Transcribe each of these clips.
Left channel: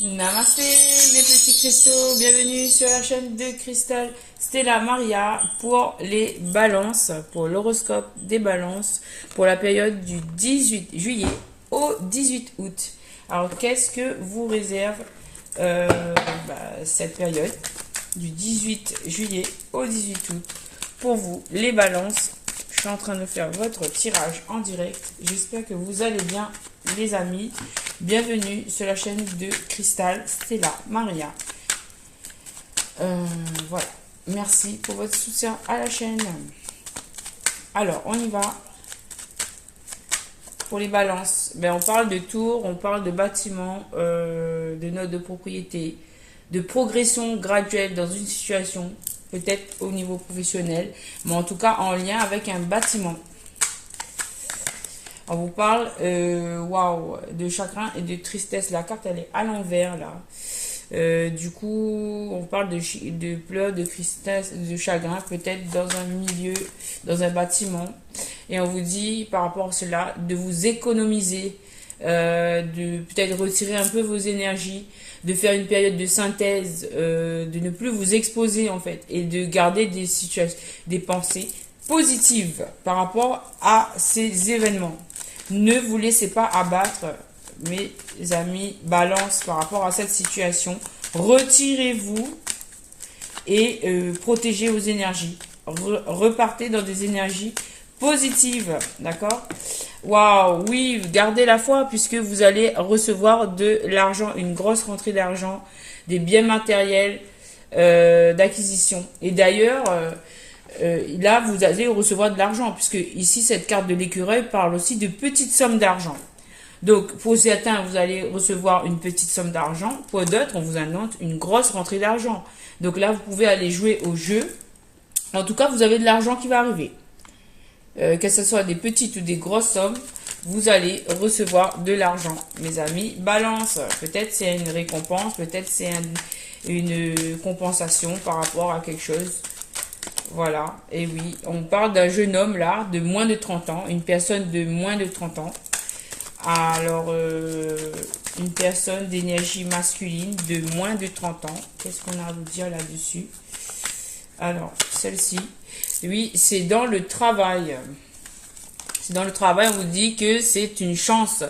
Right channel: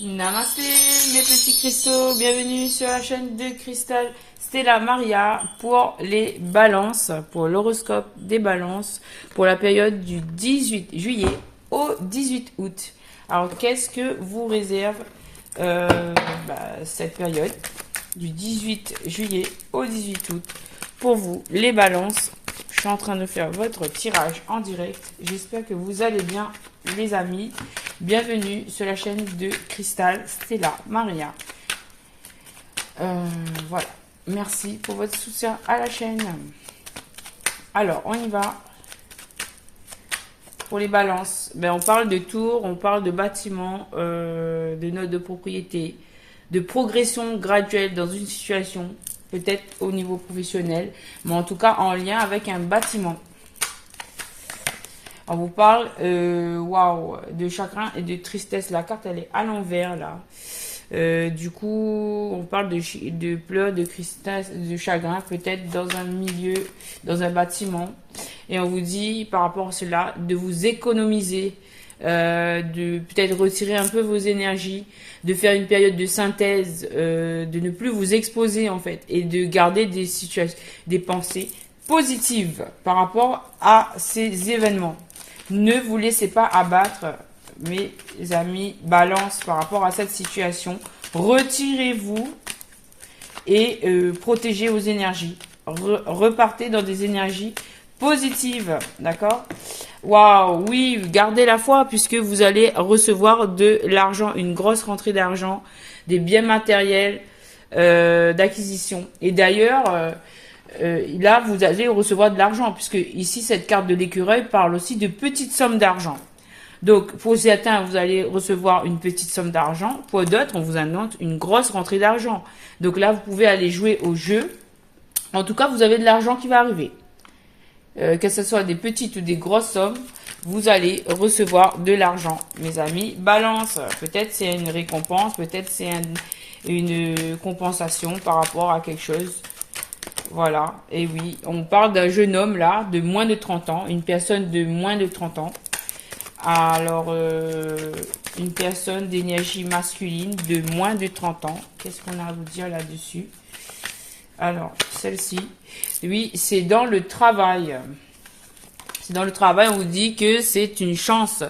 Namasté mes petits cristaux, bienvenue sur la chaîne de Cristal Stella Maria pour les balances, pour l'horoscope des balances, pour la période du 18 juillet au 18 août. Alors qu'est-ce que vous réserve cette période du 18 juillet au 18 août pour vous les balances? Je suis en train de faire votre tirage en direct. J'espère que vous allez bien les amis. Bienvenue sur la chaîne de Cristal Stella Maria. Voilà. Merci pour votre soutien à la chaîne. Alors, on y va. Pour les balances, on parle de tours, on parle de bâtiments, de notes de propriété, de progression graduelle dans une situation, peut-être au niveau professionnel, mais en tout cas en lien avec un bâtiment. On vous parle de chagrin et de tristesse. La carte, elle est à l'envers, là. Du coup, on parle de pleurs, de tristesse, de chagrin, peut-être dans un milieu, dans un bâtiment. Et on vous dit, par rapport à cela, de vous économiser, de peut-être retirer un peu vos énergies, de faire une période de synthèse, de ne plus vous exposer, en fait, et de garder des situations, des pensées positives par rapport à ces événements. Ne vous laissez pas abattre, mes amis balance, par rapport à cette situation. Retirez-vous et protégez vos énergies. Repartez dans des énergies positives, d'accord? Waouh, oui, gardez la foi puisque vous allez recevoir de l'argent, une grosse rentrée d'argent, des biens matériels d'acquisition. Et d'ailleurs... là, vous allez recevoir de l'argent, puisque ici, cette carte de l'écureuil parle aussi de petites sommes d'argent. Donc, pour certains, vous allez recevoir une petite somme d'argent. Pour d'autres, on vous annonce une grosse rentrée d'argent. Donc là, vous pouvez aller jouer au jeu. En tout cas, vous avez de l'argent qui va arriver. Que ce soit des petites ou des grosses sommes, vous allez recevoir de l'argent. Mes amis, balance. Peut-être c'est une récompense, peut-être c'est une compensation par rapport à quelque chose. Voilà, et oui, on parle d'un jeune homme là, de moins de 30 ans, une personne de moins de 30 ans. Alors, une personne d'énergie masculine de moins de 30 ans. Qu'est-ce qu'on a à vous dire là-dessus? Alors, celle-ci, oui, c'est dans le travail. C'est dans le travail, on vous dit que c'est une chance,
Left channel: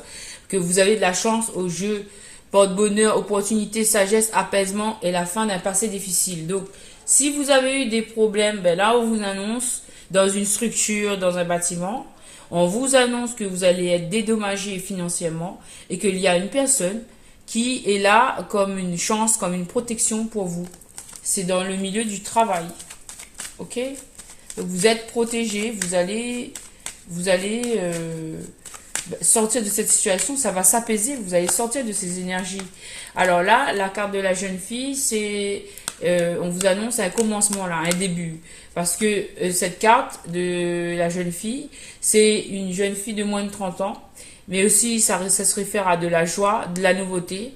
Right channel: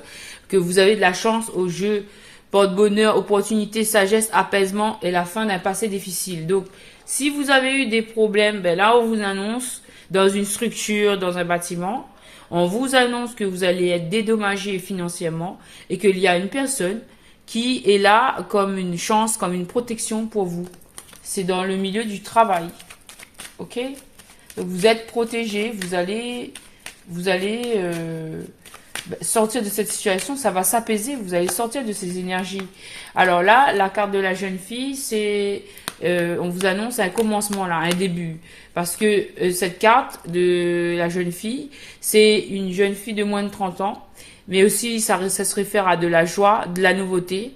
que vous avez de la chance au jeu, porte-bonheur, opportunité, sagesse, apaisement et la fin d'un passé difficile. Donc, si vous avez eu des problèmes, là on vous annonce dans une structure, dans un bâtiment, on vous annonce que vous allez être dédommagé financièrement et qu'il y a une personne qui est là comme une chance, comme une protection pour vous. C'est dans le milieu du travail. Ok? Donc vous êtes protégé, vous allez sortir de cette situation, ça va s'apaiser, vous allez sortir de ces énergies. Alors là, la carte de la jeune fille, c'est... on vous annonce un commencement là, un début. Parce que cette carte de la jeune fille, c'est une jeune fille de moins de 30 ans. Mais aussi, ça se réfère à de la joie, de la nouveauté.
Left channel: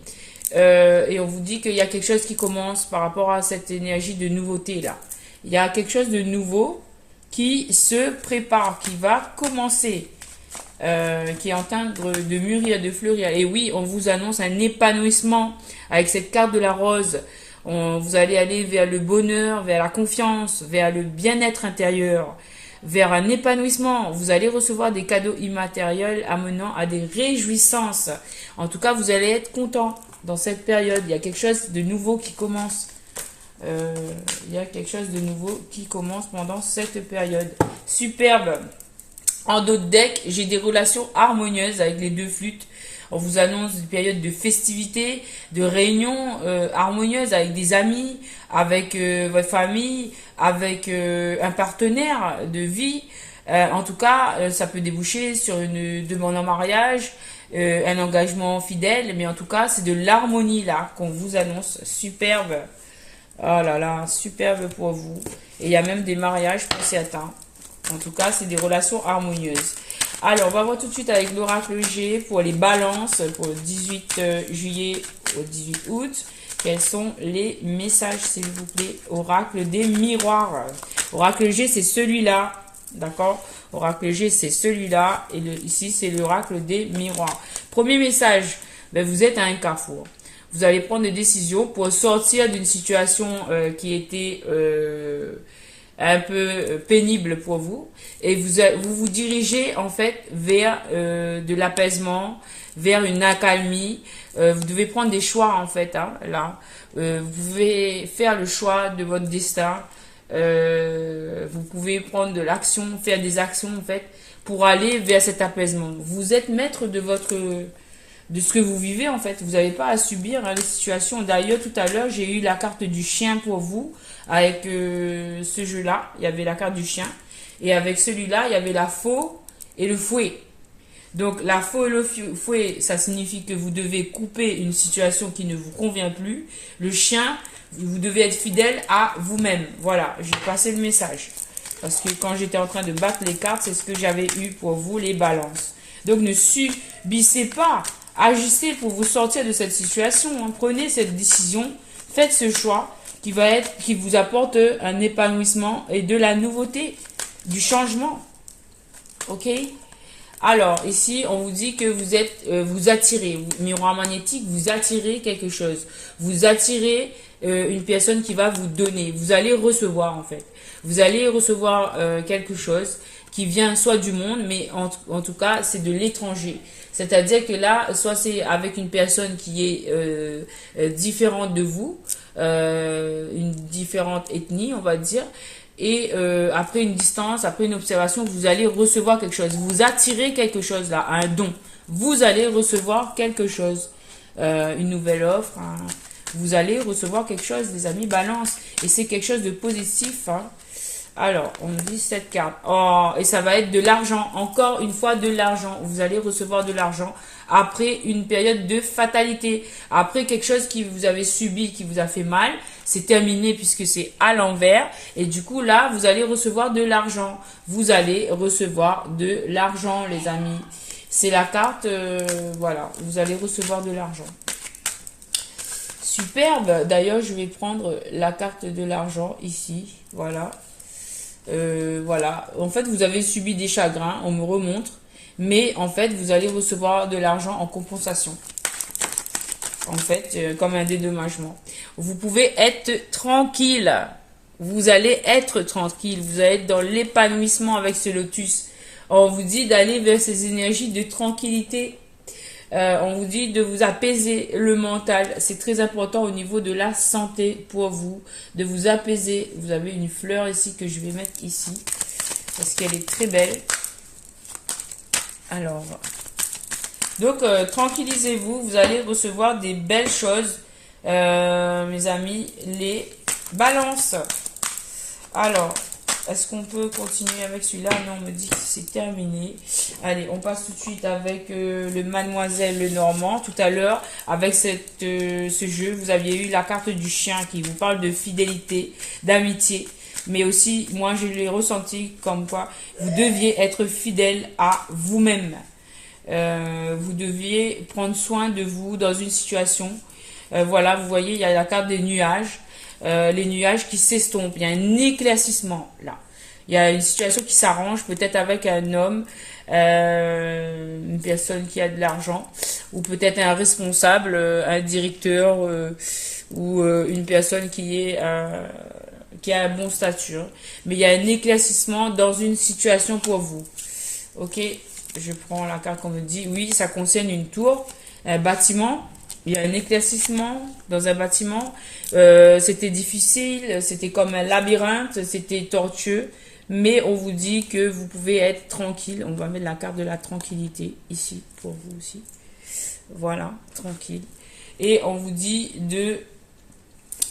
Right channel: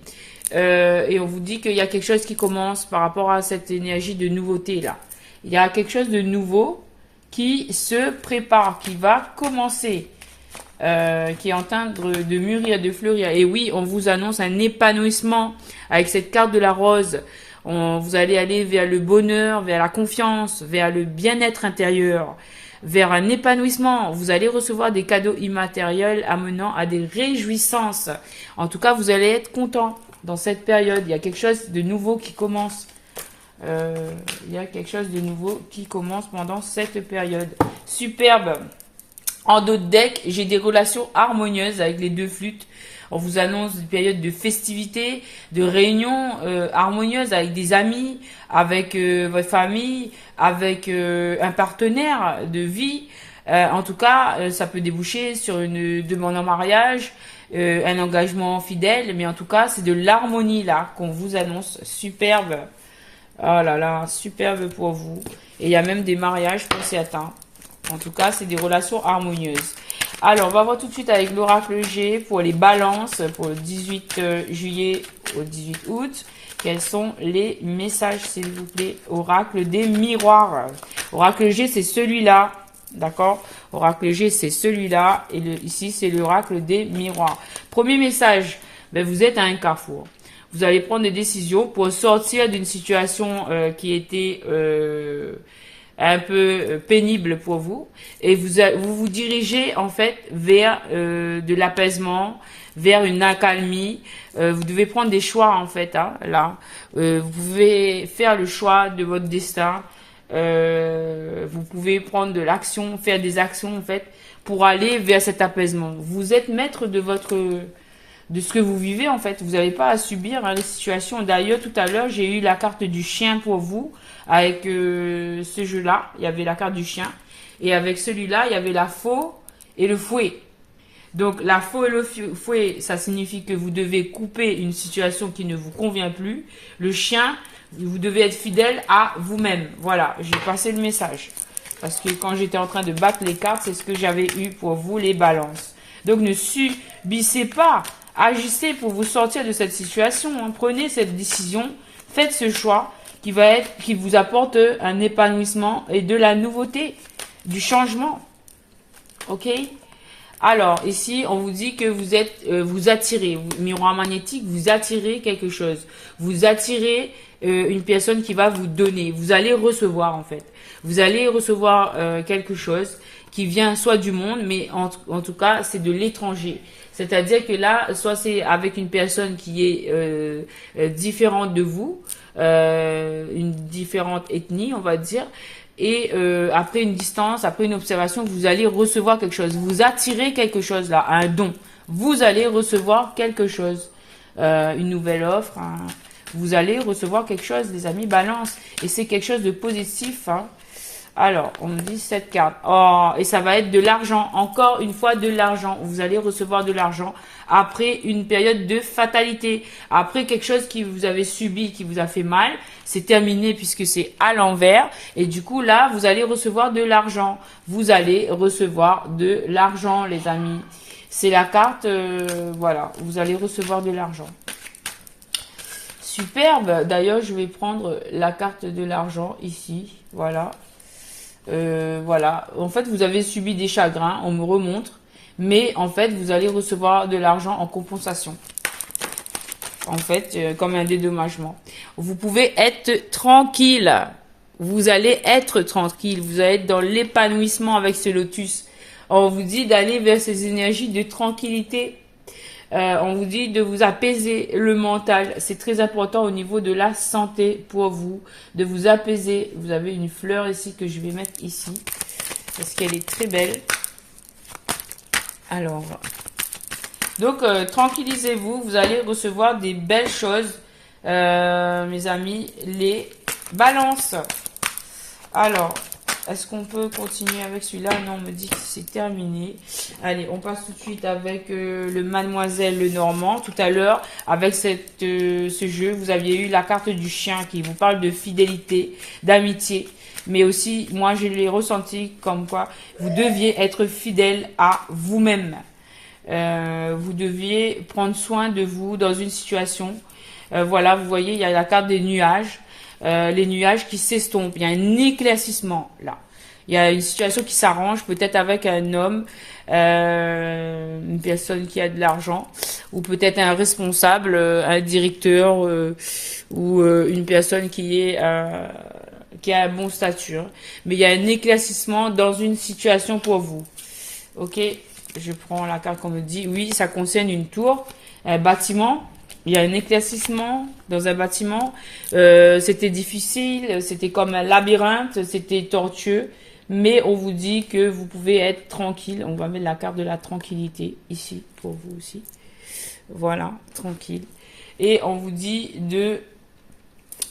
Et on vous dit qu'il y a quelque chose qui commence par rapport à cette énergie de nouveauté là. Il y a quelque chose de nouveau qui se prépare, qui va commencer. Qui est en train de mûrir, de fleurir. Et oui, on vous annonce un épanouissement avec cette carte de la rose. Vous allez aller vers le bonheur, vers la confiance, vers le bien-être intérieur, vers un épanouissement. Vous allez recevoir des cadeaux immatériels amenant à des réjouissances. En tout cas, vous allez être content dans cette période. Il y a quelque chose de nouveau qui commence. Il y a quelque chose de nouveau qui commence pendant cette période. Superbe. En dos de deck, j'ai des relations harmonieuses avec les deux flûtes. On vous annonce une période de festivités, de réunions harmonieuses avec des amis, avec votre famille, avec un partenaire de vie. En tout cas, ça peut déboucher sur une demande en mariage, un engagement fidèle. Mais en tout cas, c'est de l'harmonie là qu'on vous annonce. Superbe. Oh là là, superbe pour vous. Et il y a même des mariages pour certains. En tout cas, c'est des relations harmonieuses. Alors, on va voir tout de suite avec l'oracle G pour les balances pour le 18 juillet au 18 août. Quels sont les messages, s'il vous plaît? Oracle des miroirs. Oracle G, c'est celui-là. D'accord? Oracle G, c'est celui-là. Et ici, c'est l'oracle des miroirs. Premier message, vous êtes à un carrefour. Vous allez prendre des décisions pour sortir d'une situation qui était un peu pénible pour vous. Et vous dirigez en fait vers de l'apaisement, vers une accalmie. Vous devez prendre des choix en fait, hein, là. Vous pouvez faire le choix de votre destin. Vous pouvez prendre de l'action, faire des actions en fait pour aller vers cet apaisement. Vous êtes maître de ce que vous vivez en fait. Vous n'avez pas à subir hein, les situations. D'ailleurs, tout à l'heure, j'ai eu la carte du chien pour vous avec ce jeu-là. Il y avait la carte du chien. Et avec celui-là, il y avait la faux et le fouet. Donc, la faux et le fouet, ça signifie que vous devez couper une situation qui ne vous convient plus. Le chien, vous devez être fidèle à vous-même. Voilà, j'ai passé le message. Parce que quand j'étais en train de battre les cartes, c'est ce que j'avais eu pour vous, les balances. Donc, ne subissez pas. Agissez pour vous sortir de cette situation. Hein. Prenez cette décision. Faites ce choix qui vous apporte un épanouissement et de la nouveauté, du changement. Ok? Alors, ici, on vous dit que vous attirez, miroir magnétique, vous attirez quelque chose. Vous attirez une personne qui va vous donner. Vous allez recevoir, en fait. Vous allez recevoir quelque chose qui vient soit du monde, mais en tout cas, c'est de l'étranger. C'est-à-dire que là, soit c'est avec une personne qui est différente de vous, une différente ethnie, on va dire, et après une distance, après une observation, vous allez recevoir quelque chose. Vous attirez quelque chose là, un don. Vous allez recevoir quelque chose, une nouvelle offre. Vous allez recevoir quelque chose, les amis, balance. Et c'est quelque chose de positif. Hein. Alors, on me dit cette carte. Oh, et ça va être de l'argent. Encore une fois, de l'argent. Vous allez recevoir de l'argent après une période de fatalité. Après quelque chose qui vous avez subi, qui vous a fait mal. C'est terminé puisque c'est à l'envers. Et du coup, là, vous allez recevoir de l'argent. Vous allez recevoir de l'argent, les amis. C'est la carte, voilà. Vous allez recevoir de l'argent. Superbe. D'ailleurs, je vais prendre la carte de l'argent ici. Voilà. Voilà, en fait vous avez subi des chagrins, on me remontre, mais en fait vous allez recevoir de l'argent en compensation, en fait comme un dédommagement. Vous pouvez être tranquille, vous allez être tranquille, vous allez être dans l'épanouissement avec ce lotus. On vous dit d'aller vers ces énergies de tranquillité. On vous dit de vous apaiser le mental. C'est très important au niveau de la santé pour vous. De vous apaiser. Vous avez une fleur ici que je vais mettre ici. Parce qu'elle est très belle. Alors. Donc, tranquillisez-vous. Vous allez recevoir des belles choses. Mes amis, les balances. Alors. Est-ce qu'on peut continuer avec celui-là? Non, on me dit que c'est terminé. Allez, on passe tout de suite avec le Mademoiselle Lenormand. Tout à l'heure, avec ce jeu, vous aviez eu la carte du chien qui vous parle de fidélité, d'amitié. Mais aussi, moi, je l'ai ressenti comme quoi vous deviez être fidèle à vous-même. Vous deviez prendre soin de vous dans une situation. Voilà, vous voyez, il y a la carte des nuages. Les nuages qui s'estompent, il y a un éclaircissement là, il y a une situation qui s'arrange peut-être avec un homme, une personne qui a de l'argent, ou peut-être un responsable, un directeur, ou une personne qui a un bon statut, mais il y a un éclaircissement dans une situation pour vous. Ok, je prends la carte qu'on me dit, oui, ça concerne une tour, un bâtiment. Il y a un éclaircissement dans un bâtiment. C'était difficile, c'était comme un labyrinthe, c'était tortueux. Mais on vous dit que vous pouvez être tranquille. On va mettre la carte de la tranquillité ici pour vous aussi. Voilà, tranquille. Et on vous dit de...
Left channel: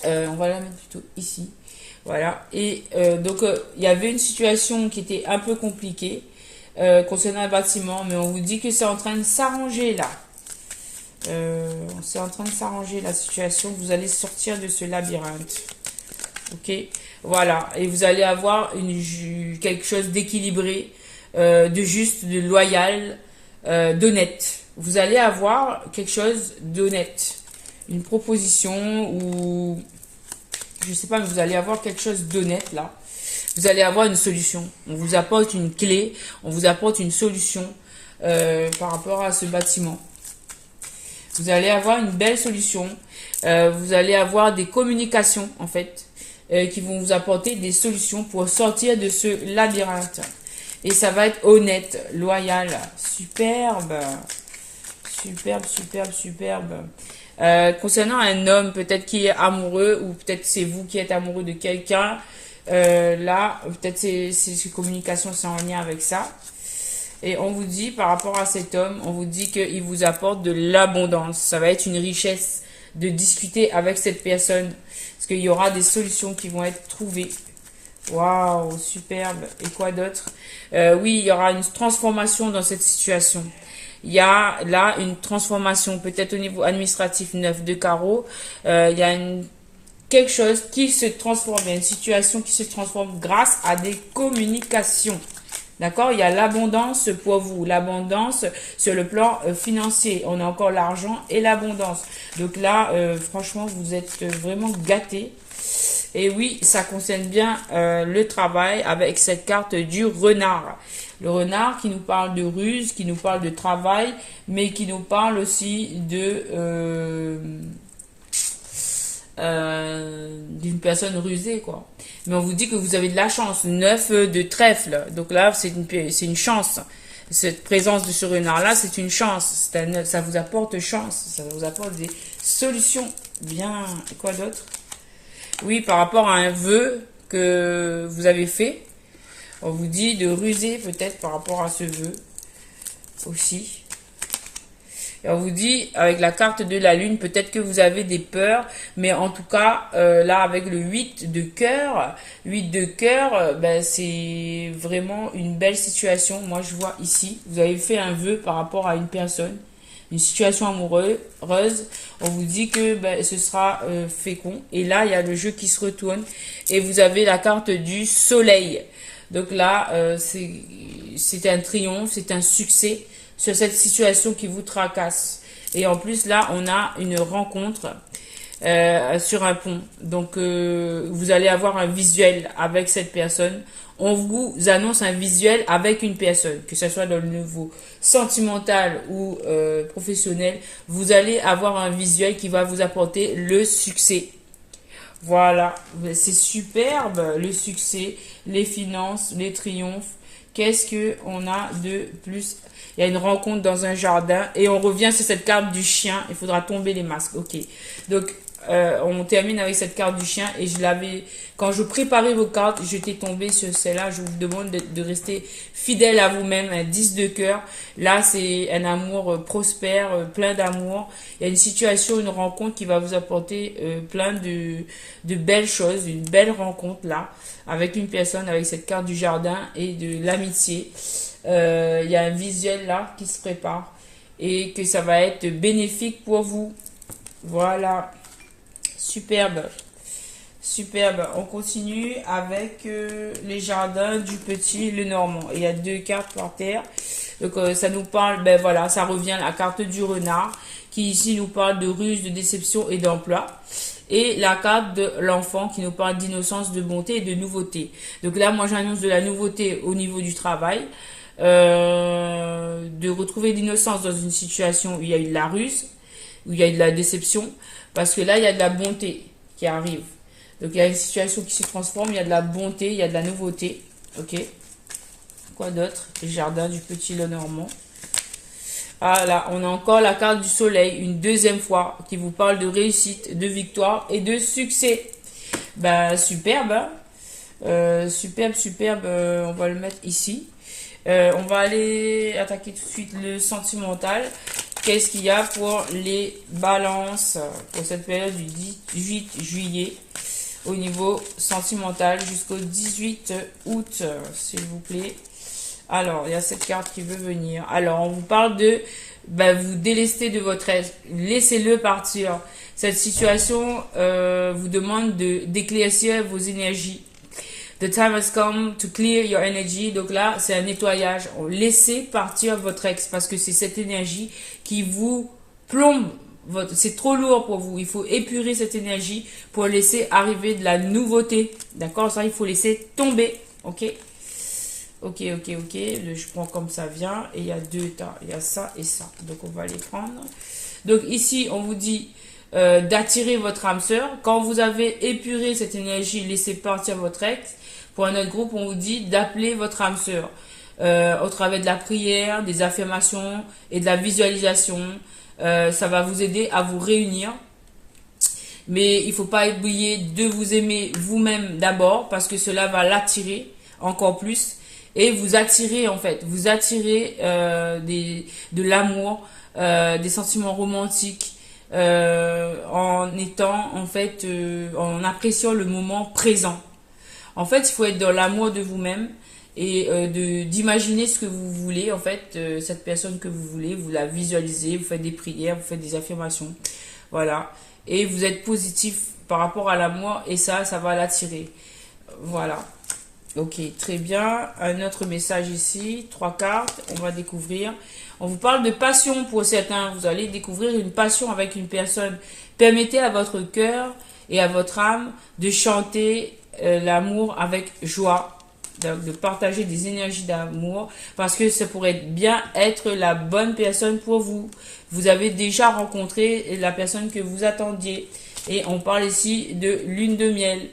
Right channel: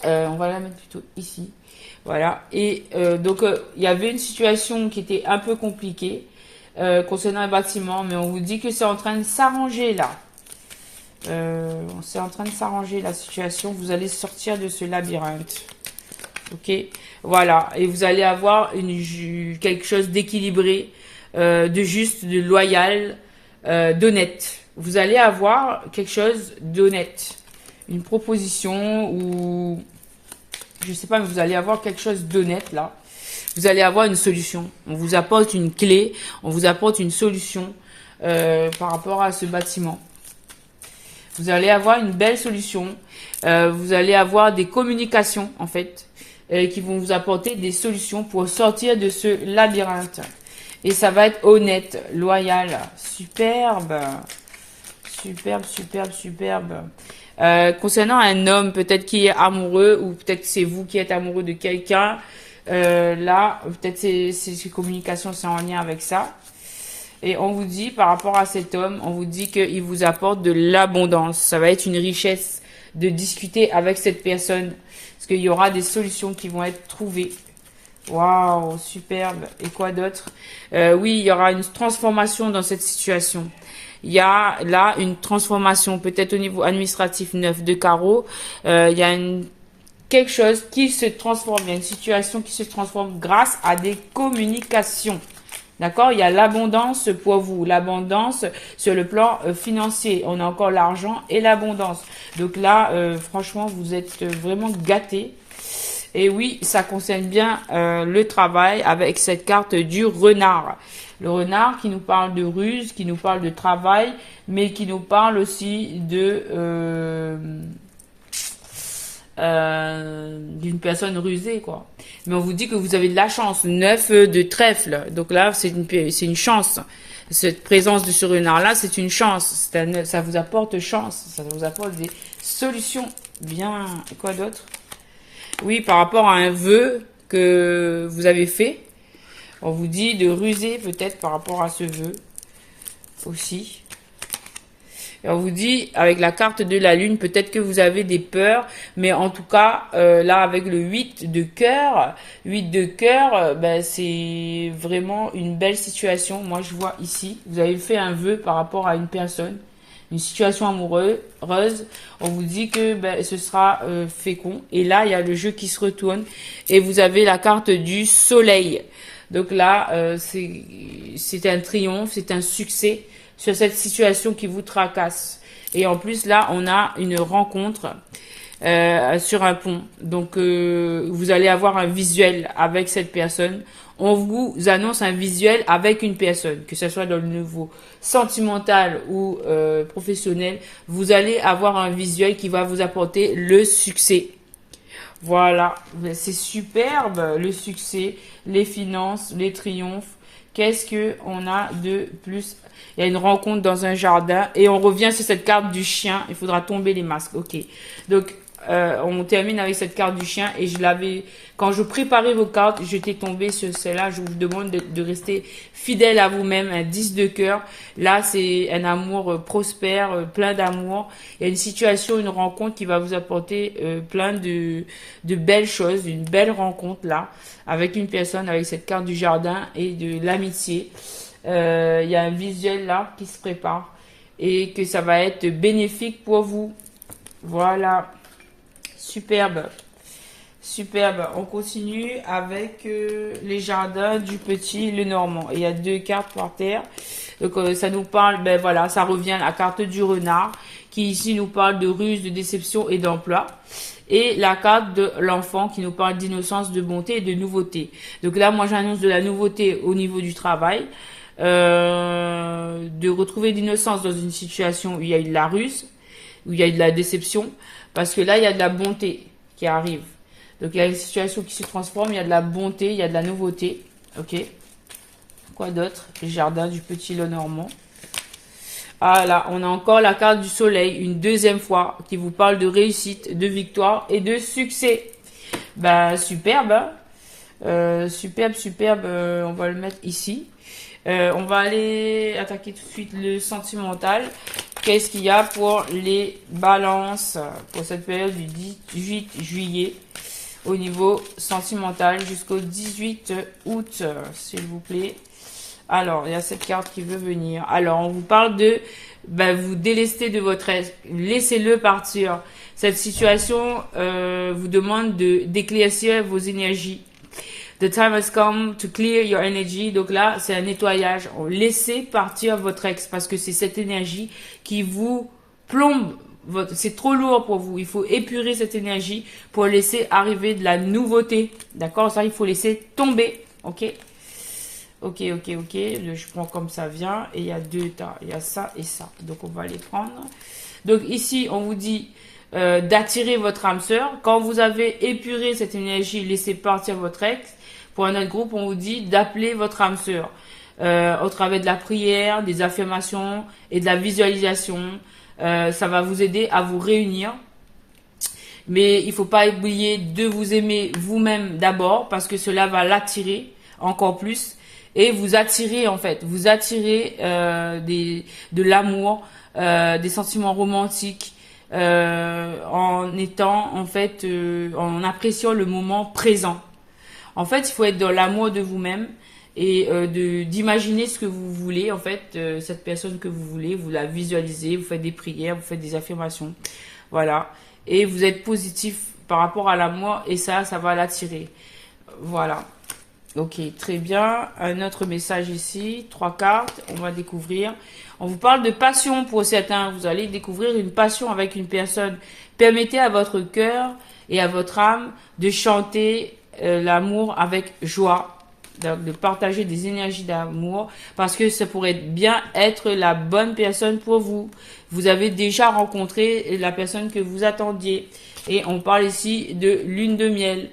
on va la mettre plutôt ici. Voilà. Et donc, il y avait une situation qui était un peu compliquée concernant un bâtiment. Mais on vous dit que c'est en train de s'arranger là. C'est en train de s'arranger la situation. Vous allez sortir de ce labyrinthe. Ok, voilà. Et vous allez avoir quelque chose d'équilibré, de juste, de loyal, d'honnête. Vous allez avoir quelque chose d'honnête. Une proposition ou... Je sais pas, mais vous allez avoir quelque chose d'honnête là. Vous allez avoir une solution. On vous apporte une clé. On vous apporte une solution par rapport à ce bâtiment. Vous allez avoir une belle solution. Vous allez avoir des communications, en fait, qui vont vous apporter des solutions pour sortir de ce labyrinthe. Et ça va être honnête, loyal, superbe, superbe, superbe, superbe. Concernant un homme, peut-être qui est amoureux, ou peut-être c'est vous qui êtes amoureux de quelqu'un, là, peut-être ces communications, c'est en lien avec ça. Et on vous dit, par rapport à cet homme, on vous dit qu'il vous apporte de l'abondance. Ça va être une richesse de discuter avec cette personne. Parce qu'il y aura des solutions qui vont être trouvées. Waouh, superbe. Et quoi d'autre? Oui, il y aura une transformation dans cette situation. Il y a là une transformation, peut-être au niveau administratif 9 de carreau. Il y a quelque chose qui se transforme. Il y a une situation qui se transforme grâce à des communications. D'accord? Il y a l'abondance pour vous, l'abondance sur le plan financier. On a encore l'argent et l'abondance. Donc là, franchement, vous êtes vraiment gâtés. Et oui, ça concerne bien le travail avec cette carte du renard. Le renard qui nous parle de ruse, qui nous parle de travail, mais qui nous parle aussi de d'une personne rusée, quoi. Mais on vous dit que vous avez de la chance. 9 de trèfle. Donc là, c'est une chance. Cette présence de ce renard-là, c'est une chance. Ça vous apporte chance. Ça vous apporte des solutions. Bien. Et quoi d'autre? Oui, par rapport à un vœu que vous avez fait. On vous dit de ruser peut-être par rapport à ce vœu aussi. Et on vous dit, avec la carte de la lune, peut-être que vous avez des peurs, mais en tout cas, là, avec le 8 de cœur, ben, c'est vraiment une belle situation. Moi, je vois ici, vous avez fait un vœu par rapport à une personne, une situation amoureuse. On vous dit que ben, ce sera fécond. Et là, il y a le jeu qui se retourne. Et vous avez la carte du soleil. Donc là, c'est un triomphe, c'est un succès sur cette situation qui vous tracasse. Et en plus, là, on a une rencontre sur un pont. Donc, vous allez avoir un visuel avec cette personne. On vous annonce un visuel avec une personne, que ce soit dans le niveau sentimental ou professionnel. Vous allez avoir un visuel qui va vous apporter le succès. Voilà, c'est superbe, le succès, les finances, les triomphes. Qu'est-ce que on a de plus? Il y a une rencontre dans un jardin et on revient sur cette carte du chien. Il faudra tomber les masques. Ok. Donc, on termine avec cette carte du chien et quand je préparais vos cartes, j'étais tombée sur celle-là. Je vous demande de rester fidèle à vous-même. Un 10 de cœur. Là, c'est un amour prospère, plein d'amour. Il y a une situation, une rencontre qui va vous apporter plein de belles choses. Une belle rencontre là, avec une personne, avec cette carte du jardin et de l'amitié. Il y a un visuel là qui se prépare et que ça va être bénéfique pour vous. Voilà. Superbe. Superbe. On continue avec les jardins du petit Lenormand. Il y a 2 cartes par terre. Donc ça nous parle, ben voilà, ça revient à la carte du renard qui ici nous parle de ruse, de déception et d'emploi. Et la carte de l'enfant qui nous parle d'innocence, de bonté et de nouveauté. Donc là, moi j'annonce de la nouveauté au niveau du travail. De retrouver l'innocence dans une situation où il y a eu de la ruse, où il y a eu de la déception, parce que là, il y a de la bonté qui arrive. Donc, il y a une situation qui se transforme, il y a de la bonté, il y a de la nouveauté. Ok. Quoi d'autre? Les jardins du petit Lenormand. Ah là, on a encore la carte du soleil, une deuxième fois, qui vous parle de réussite, de victoire et de succès. Bah, superbe, hein? Superbe, superbe. On va le mettre ici. On va aller attaquer tout de suite le sentimental. Qu'est-ce qu'il y a pour les balances pour cette période du 18 juillet au niveau sentimental jusqu'au 18 août, s'il vous plaît. Alors, il y a cette carte qui veut venir. Alors, on vous parle de vous délester de votre ex. Laissez-le partir. Cette situation vous demande d'éclaircir vos énergies. The time has come to clear your energy. Donc là, c'est un nettoyage. Laissez partir votre ex parce que c'est cette énergie qui vous plombe. C'est trop lourd pour vous. Il faut épurer cette énergie pour laisser arriver de la nouveauté. D'accord? Ça, il faut laisser tomber. Ok? Ok. Je prends comme ça vient. Et il y a 2 tas. Il y a ça et ça. Donc, on va les prendre. Donc ici, on vous dit d'attirer votre âme sœur. Quand vous avez épuré cette énergie, laissez partir votre ex. Pour un autre groupe, on vous dit d'appeler votre âme sœur au travers de la prière, des affirmations et de la visualisation. Ça va vous aider à vous réunir. Mais il ne faut pas oublier de vous aimer vous-même d'abord parce que cela va l'attirer encore plus. Et vous attirez en fait, vous attirez de l'amour, des sentiments romantiques en étant en fait, en appréciant le moment présent. En fait, il faut être dans l'amour de vous-même et d'imaginer ce que vous voulez, en fait, cette personne que vous voulez, vous la visualisez, vous faites des prières, vous faites des affirmations, voilà. Et vous êtes positif par rapport à l'amour et ça va l'attirer. Voilà. Ok, très bien. Un autre message ici, 3 cartes, on va découvrir. On vous parle de passion pour certains. Vous allez découvrir une passion avec une personne. Permettez à votre cœur et à votre âme de chanter l'amour avec joie, de partager des énergies d'amour parce que ça pourrait bien être la bonne personne pour vous. Vous avez déjà rencontré la personne que vous attendiez et on parle ici de lune de miel.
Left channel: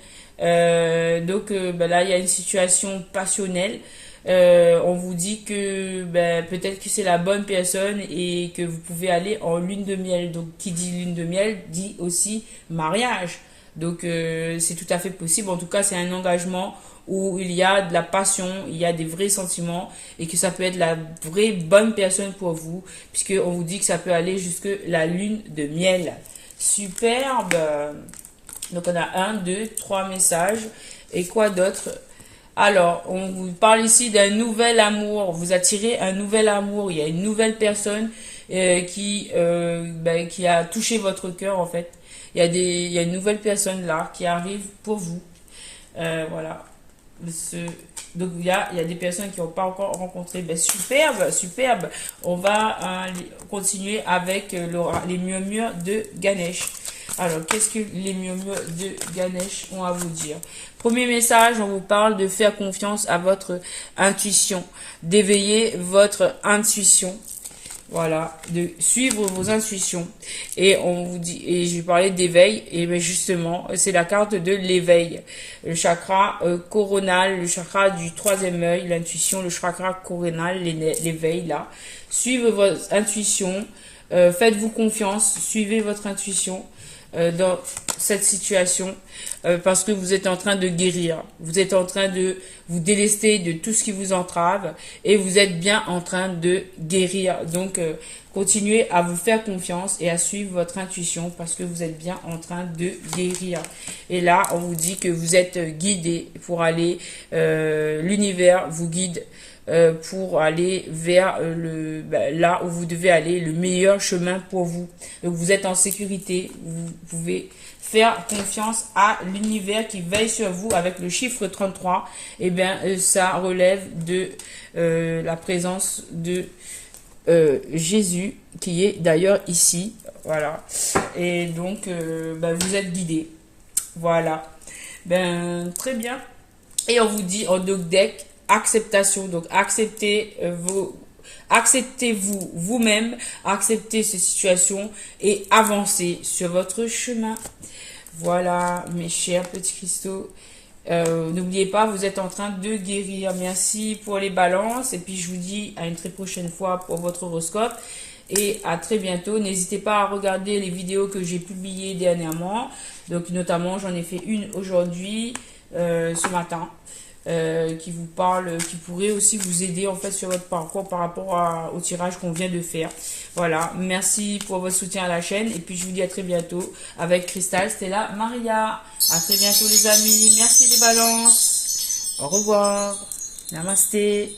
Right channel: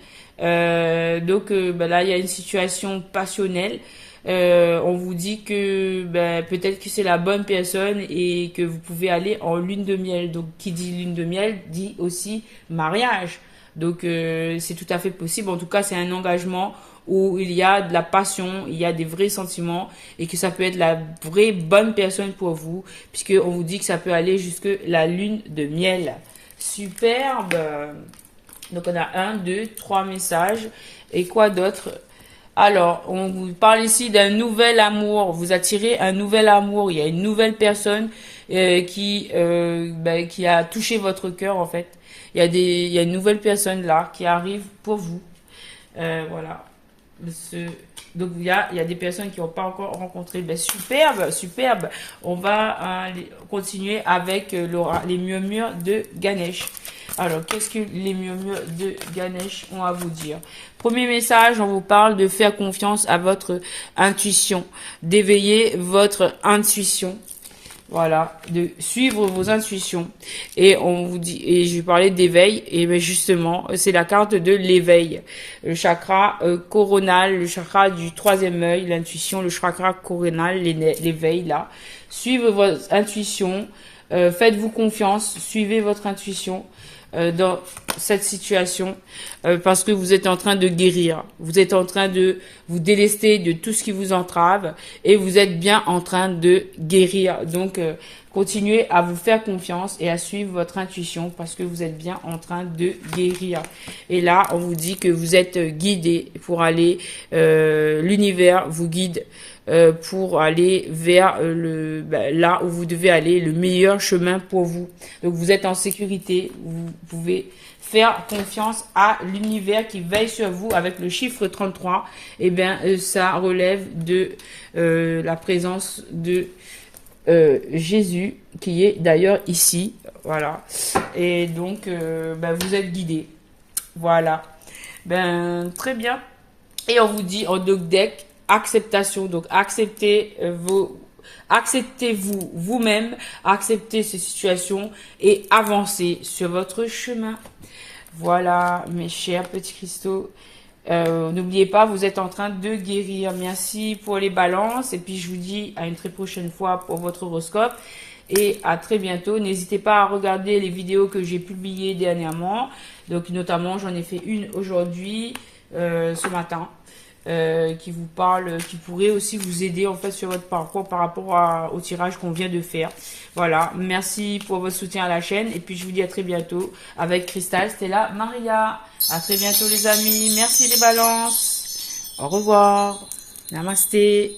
Donc là il y a une situation passionnelle. On vous dit que peut-être que c'est la bonne personne et que vous pouvez aller en lune de miel. Donc qui dit lune de miel dit aussi mariage. Donc c'est tout à fait possible. En tout cas c'est un engagement où il y a de la passion, il y a des vrais sentiments et que ça peut être la vraie bonne personne pour vous puisque on vous dit que ça peut aller jusque la lune de miel. Superbe. Donc on a 1, 2, 3 messages. Et quoi d'autre? Alors, on vous parle ici d'un nouvel amour. Vous attirez un nouvel amour. Il y a une nouvelle personne qui a touché votre cœur en fait. Il y a une nouvelle personne là qui arrive pour vous. Voilà. Donc il y a des personnes qui n'ont pas encore rencontré. Superbe, superbe. On va continuer avec les murmures de Ganesh. Alors, qu'est-ce que les murmures de Ganesh ont à vous dire? Premier message, on vous parle de faire confiance à votre intuition, d'éveiller votre intuition. Voilà, de suivre vos intuitions. Et on vous dit, et je vais parler d'éveil, et bien justement, c'est la carte de l'éveil. Le chakra coronal, le chakra du 3e œil, l'intuition, le chakra coronal, l'éveil là. Suivez votre intuition, faites-vous confiance, suivez votre intuition dans cette situation parce que vous êtes en train de guérir. Vous êtes en train de vous délester de tout ce qui vous entrave et vous êtes bien en train de guérir. Donc, continuez à vous faire confiance et à suivre votre intuition parce que vous êtes bien en train de guérir. Et là, on vous dit que vous êtes guidé pour aller, l'univers vous guide pour aller vers là où vous devez aller, le meilleur chemin pour vous. Donc vous êtes en sécurité, vous pouvez faire confiance à l'univers qui veille sur vous avec le chiffre 33. Et bien ça relève de la présence de Jésus qui est d'ailleurs ici. Voilà. Et donc vous êtes guidé. Voilà. Très bien. Et on vous dit en doc deck acceptation. Donc acceptez-vous vous-même, acceptez ces situations et avancez sur votre chemin. Voilà, mes chers petits cristaux. N'oubliez pas, vous êtes en train de guérir. Merci pour les balances. Et puis je vous dis à une très prochaine fois pour votre horoscope. Et à très bientôt. N'hésitez pas à regarder les vidéos que j'ai publiées dernièrement. Donc notamment, j'en ai fait une aujourd'hui, ce matin. Qui vous parle, qui pourrait aussi vous aider en fait sur votre parcours par rapport au tirage qu'on vient de faire. Voilà, merci pour votre soutien à la chaîne et puis je vous dis à très bientôt avec Cristal, Stella, Maria. À très bientôt les amis, merci les balances. Au revoir, namasté.